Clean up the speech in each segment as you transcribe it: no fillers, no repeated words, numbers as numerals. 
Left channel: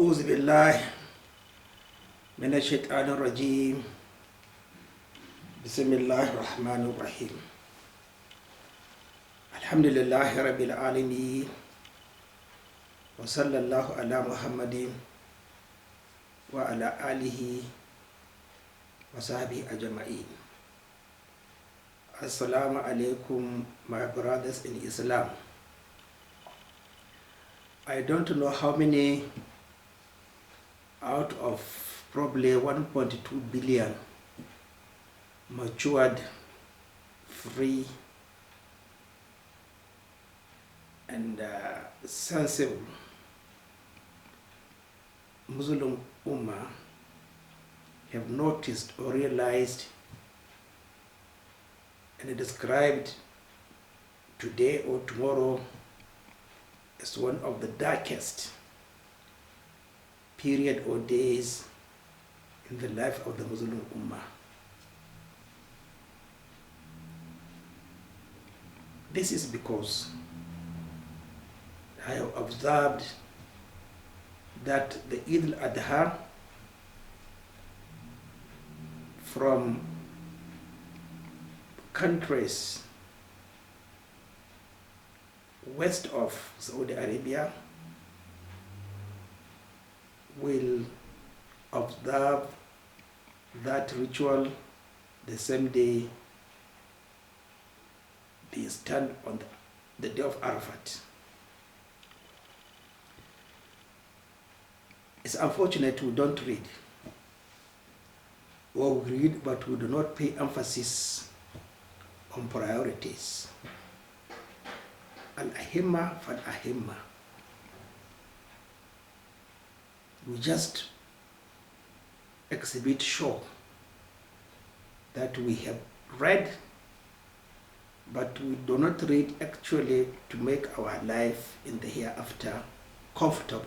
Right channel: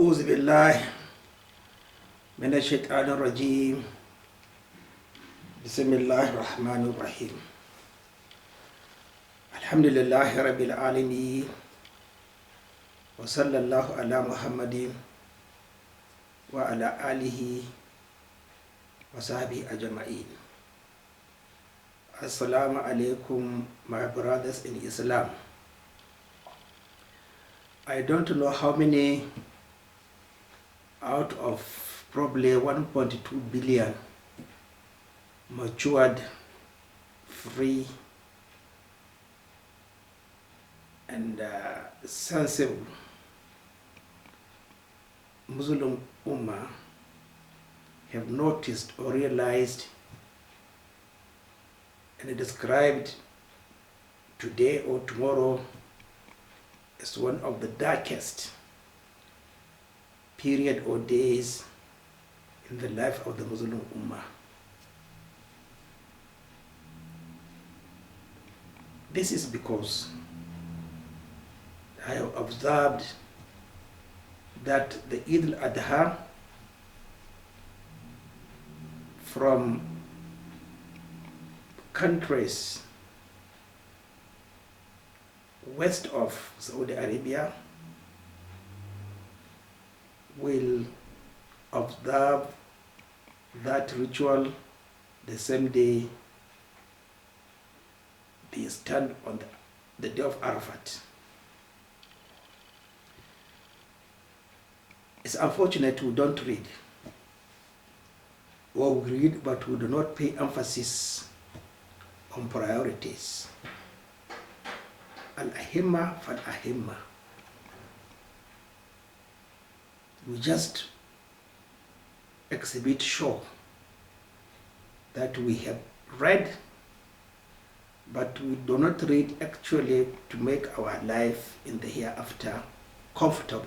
أعوذ بالله من الشيطان الرجيم بسم الله الرحمن الرحيم الحمد لله رب العالمين وصلى الله على محمد وعلى آله وصحبه أجمعين. Assalamu alaikum, my brothers in Islam. I don't know how many out of probably 1.2 billion matured, free, and sensible Muslim Umma have noticed or realized and described today or tomorrow as one of the darkest period or days in the life of the Muslim Ummah. This is because I have observed that the Eid al-Adha from countries west of Saudi Arabia will observe that ritual the same day they stand on the day of Arafat. It's unfortunate we don't read, or we read but we do not pay emphasis on priorities. Al-ahimma fal-ahimma. We just exhibit show that we have read, but we do not read actually to make our life in the hereafter comfortable.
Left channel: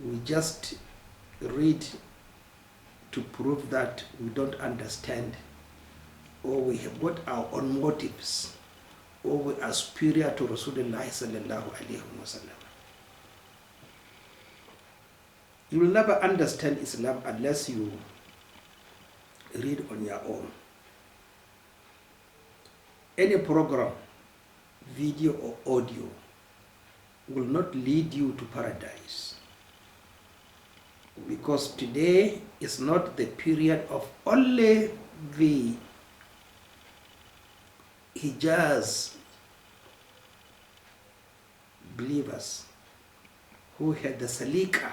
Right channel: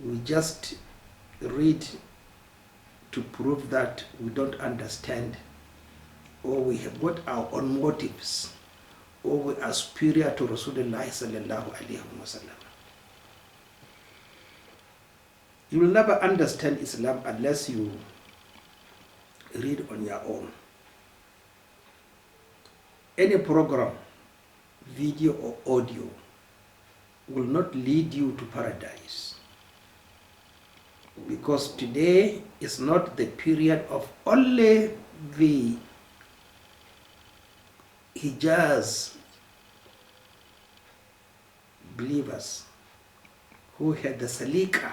We just read to prove that we don't understand, or we have got our own motives, or we are superior to Rasulullah sallallahu alaihi wasallam. You will never understand Islam unless you read on your own. Any program, video or audio, will not lead you to paradise. Because today is not the period of only the Hijaz believers who had the salika.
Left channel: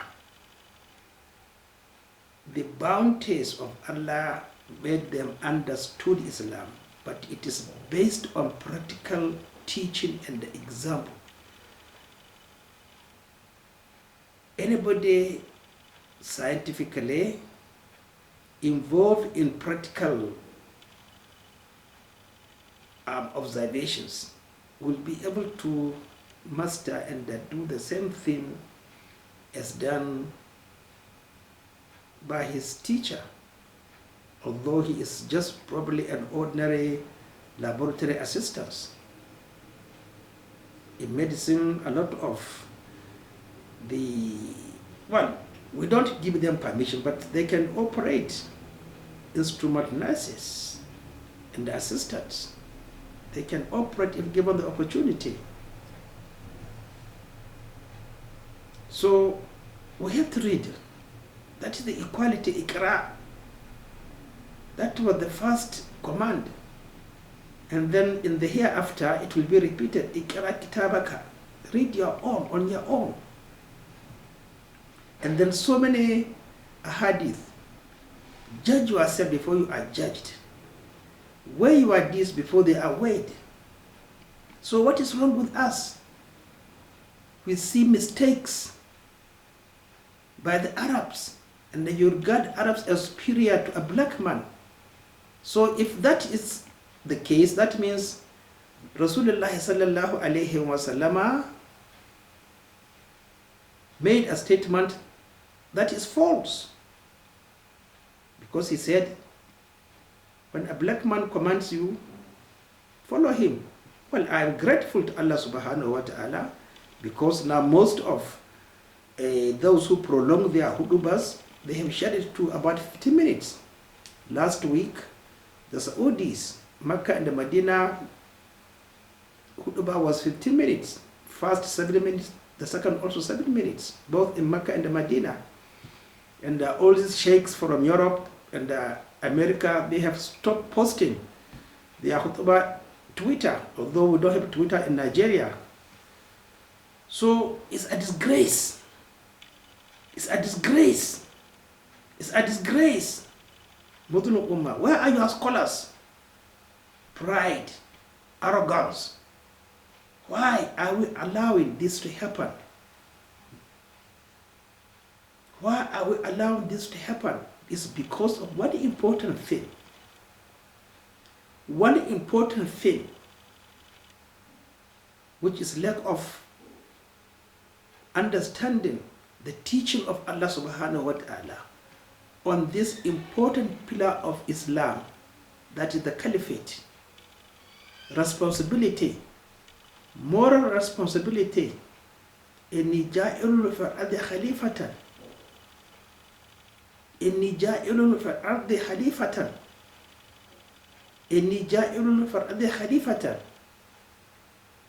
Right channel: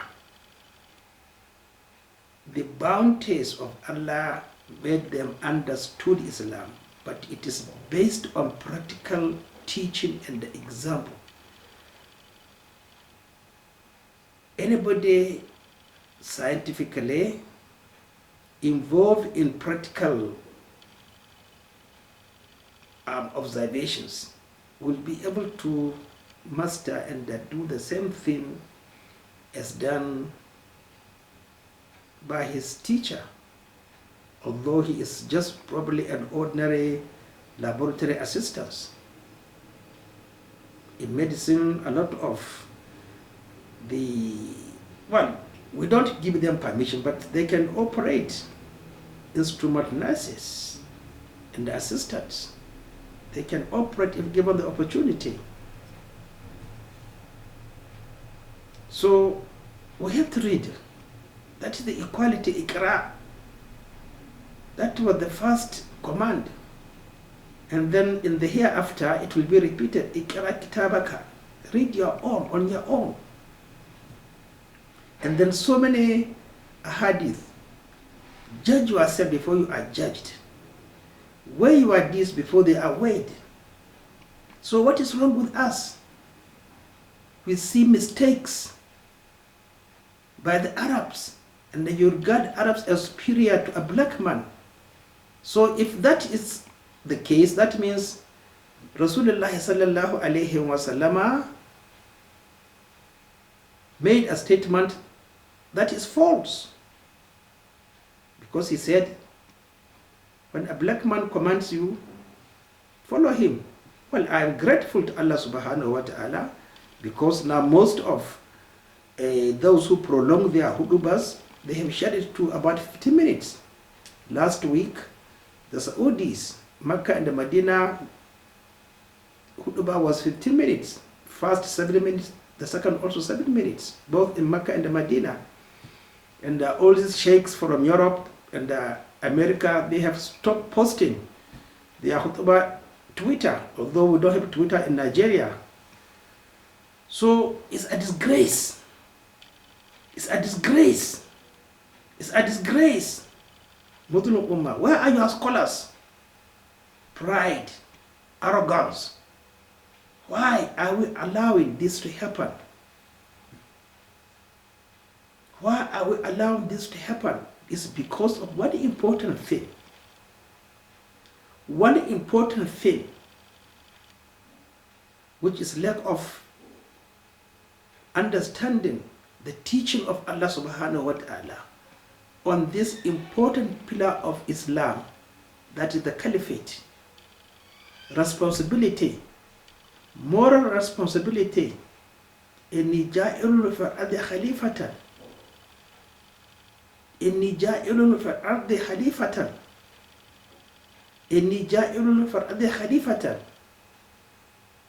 The bounties of Allah made them understood Islam, but it is based on practical teaching and example. Anybody scientifically involved in practical observations will be able to master and do the same thing as done by his teacher, although he is just probably an ordinary laboratory assistant. In medicine, a lot of we don't give them permission, but they can operate instrument nurses and assistants. They can operate if given the opportunity. So we have to read. That is the equality, Iqra. That was the first command. And then in the hereafter, it will be repeated, Iqra kitabaka. Read your own, on your own. And then so many hadith. Judge yourself before you are judged. Weigh your deeds before they are weighed. So what is wrong with us? We see mistakes by the Arabs, and you regard Arabs as superior to a black man. So if that is the case, that means Rasulullah sallallahu alaihi wasallam made a statement that is false. Because he said, when a black man commands you, follow him. Well, I am grateful to Allah subhanahu wa ta'ala, because now most of those who prolong their hudubas, they have shared it to about 50 minutes. Last week, the Saudis, Mecca and the Medina, hudubah was 15 minutes. First 7 minutes, the second also 7 minutes, both in Mecca and the Medina. And all these sheikhs from Europe and America, they have stopped posting their hudubah Twitter, although we don't have Twitter in Nigeria. So it's a disgrace. It's a disgrace. It's a disgrace. Muslim Ummah, where are your scholars? Pride, arrogance. Why are we allowing this to happen? Why are we allowing this to happen? It's because of one important thing. One important thing, which is lack of understanding the teaching of Allah subhanahu wa ta'ala on this important pillar of Islam, that is the caliphate. Responsibility, moral responsibility. إني جائل في الأرض خليفة. إني جائل في الأرض خليفة. إني جائل في الأرض خليفة.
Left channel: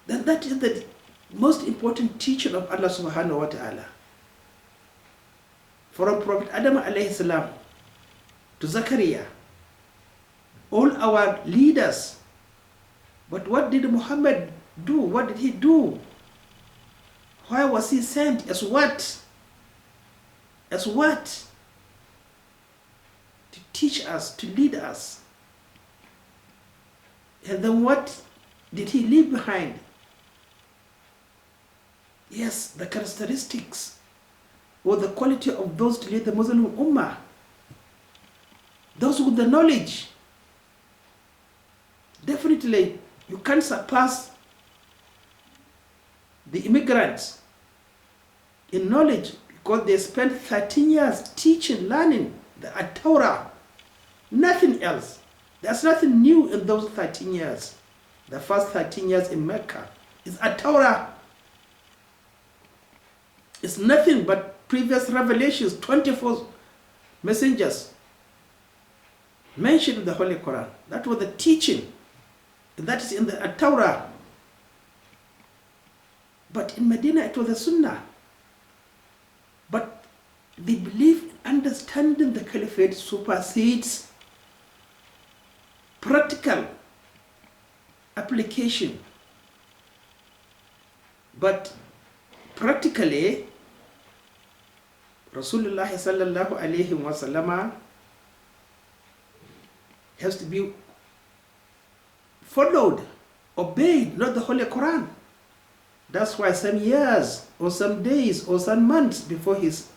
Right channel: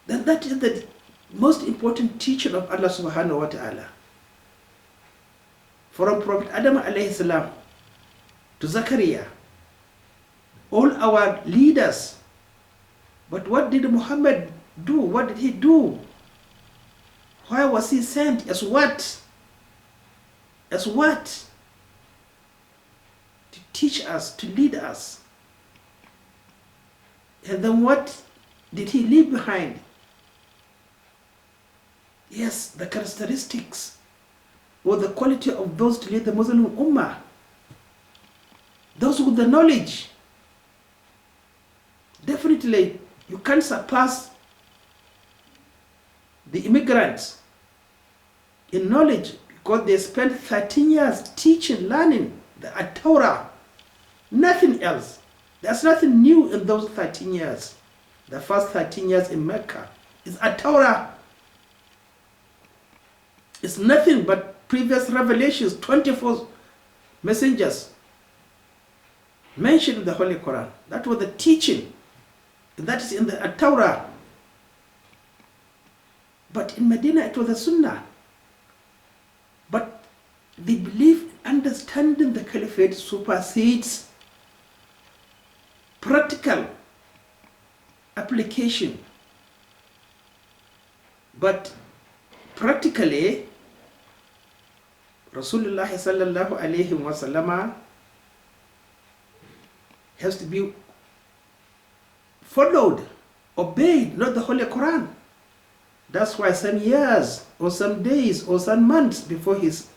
Then that is the most important teaching of Allah subhanahu wa ta'ala. From Prophet Adam alayhi salam to Zakaria, all our leaders. But what did Muhammad do? What did he do? Why was he sent? As what? As what? To teach us, to lead us. And then what did he leave behind? Yes, the characteristics or the quality of those to lead the Muslim Ummah. Those with the knowledge. Definitely, you can't surpass the immigrants in knowledge because they spent 13 years teaching, learning the Torah. Nothing else. There's nothing new in those 13 years. The first 13 years in Mecca is Torah. It's nothing but previous revelations, 24 messengers mentioned in the Holy Quran. That was the teaching. That is in the Torah. But in Medina, it was the Sunnah. But the belief, understanding the caliphate supersedes practical application. But practically, Rasulullah sallallahu alayhi wa sallam has to be followed, obeyed, not the Holy Quran. That's why some years or some days or some months before his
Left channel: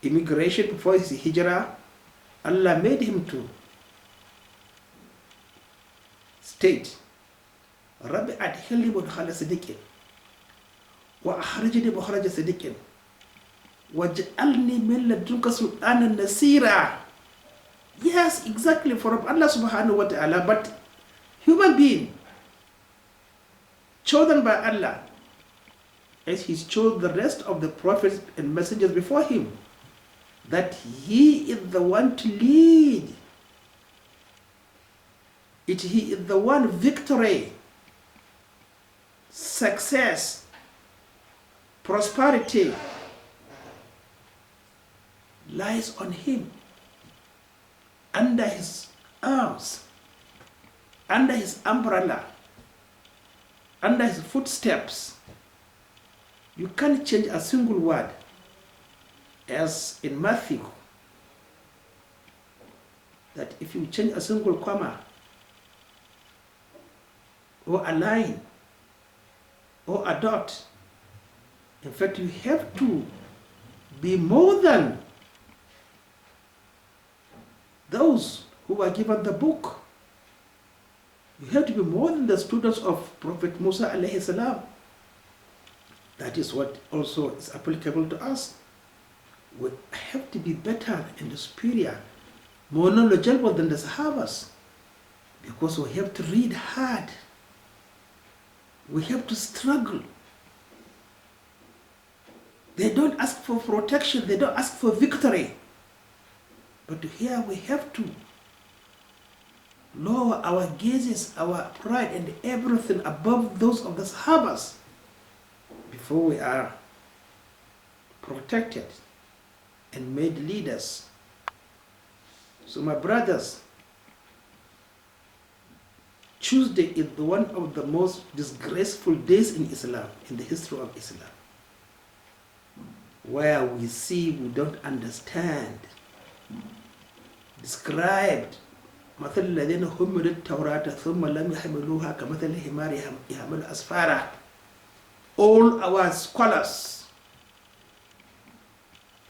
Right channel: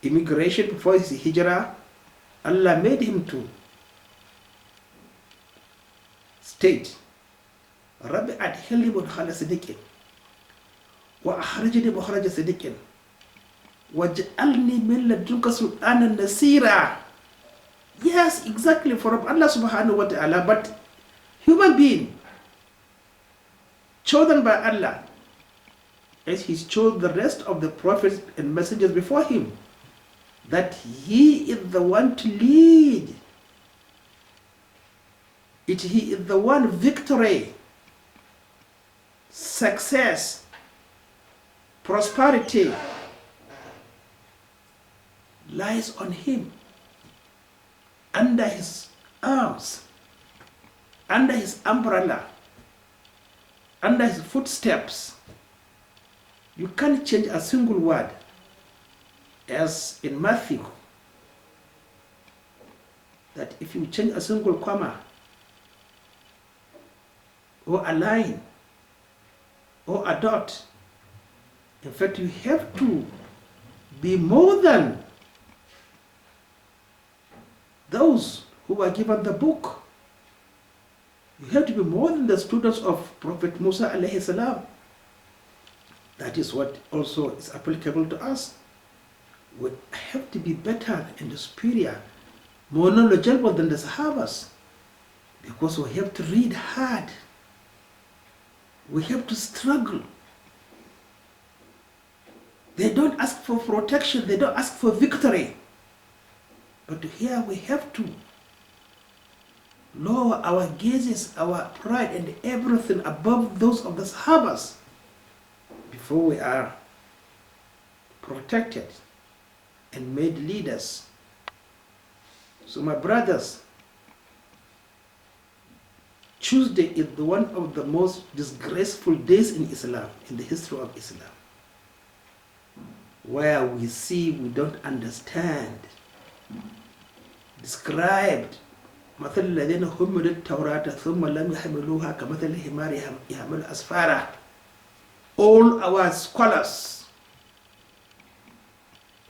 immigration, before his hijrah, Allah made him to state, Rabbi adkhilni mudkhala sidiqin wa akhrijni mukhraja sidiqin waj'alni min ladunka sultanan nasira. Yes, exactly, from Allah subhanahu wa ta'ala, but human being chosen by Allah, as He's chose the rest of the prophets and messengers before him, that He is the one to lead. He is the one. Victory, success, prosperity lies on Him, under His arms, under His umbrella, under His footsteps. You can't change a single word. As in Matthew, that if you change a single comma or a line or a dot, in fact, you have to be more than those who were given the book. You have to be more than the students of Prophet Musa alayhi salam. That is what also is applicable to us. We have to be better and superior, more knowledgeable than the Sahabas, because we have to read hard. We have to struggle. They don't ask for protection, they don't ask for victory. But here we have to lower our gazes, our pride and everything above those of the Sahabas before we are protected and made leaders. So my brothers, Tuesday is one of the most disgraceful days in Islam, in the history of Islam, where we see we don't understand, described مثل الذين حملوا التوراة ثم لم يحملوها كمثل الحمار يحمل أسفارا. All our scholars,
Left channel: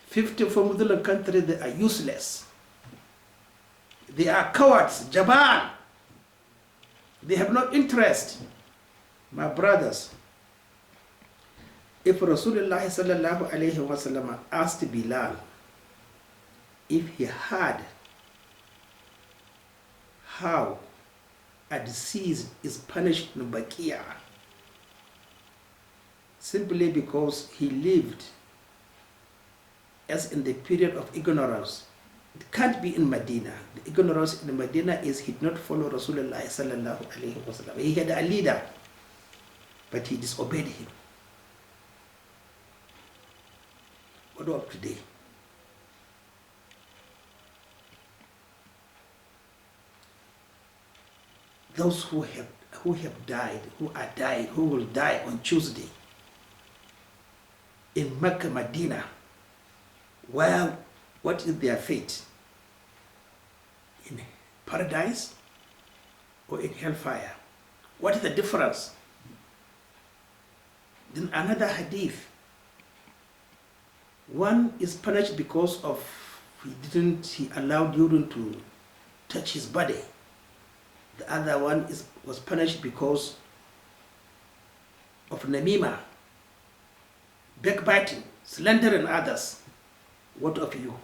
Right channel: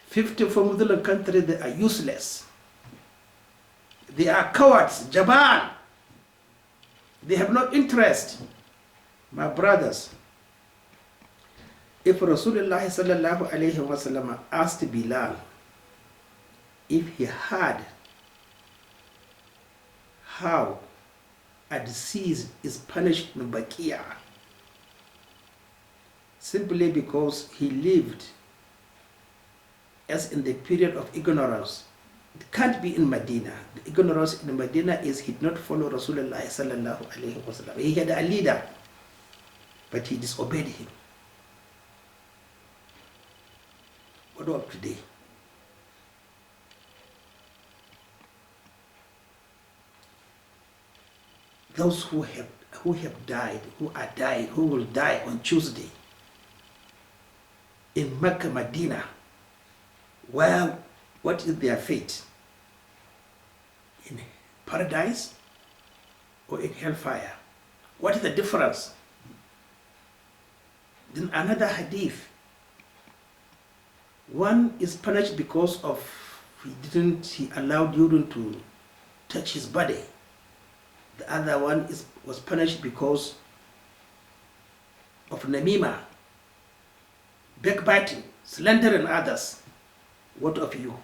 50 from Muslim countries, they are useless. They are cowards, Jaban. They have no interest. My brothers, if Rasulullah sallallahu alayhi wa sallam asked Bilal if he had how a disease is punished in Baqiyah, simply because he lived as in the period of ignorance. It can't be in Medina. The ignorance in Medina is he did not follow Rasulullah sallallahu alayhi wa sallam. He had a leader, but he disobeyed him. What about today? Those who have died, who are dying, who will die on Tuesday in Mecca, Medina, where what is their fate? In paradise or in hellfire? What is the difference? Then another hadith. One is punished because of he allowed urine to touch his body. The other one was punished because of namima, backbiting, slandering others. What of you?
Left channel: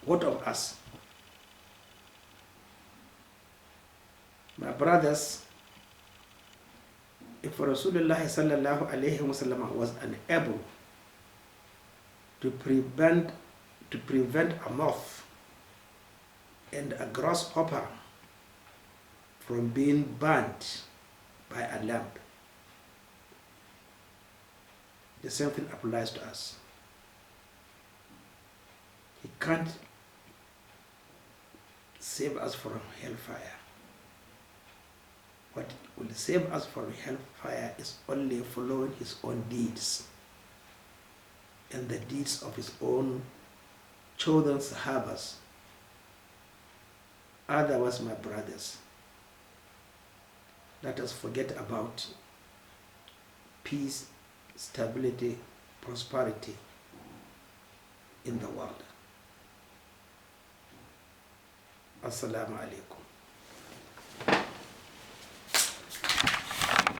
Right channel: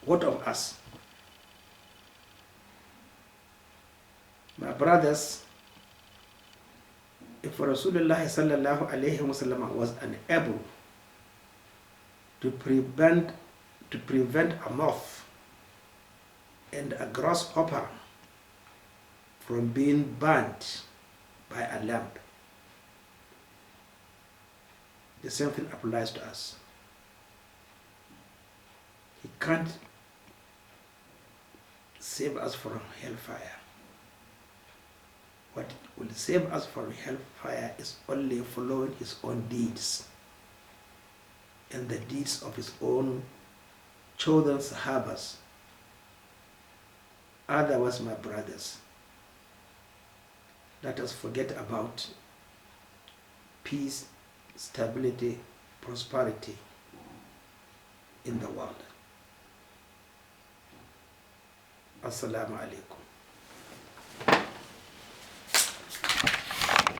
What of us? My brothers, if Rasulullah sallallahu alayhi wa sallam was unable to prevent a moth and a grasshopper from being burnt by a lamp, the same thing applies to us. He can't save us from hellfire. What will save us from hellfire is only following his own deeds and the deeds of his own chosen Sahabas. Otherwise, my brothers, let us forget about peace, stability, prosperity in the world. Assalamu alaikum.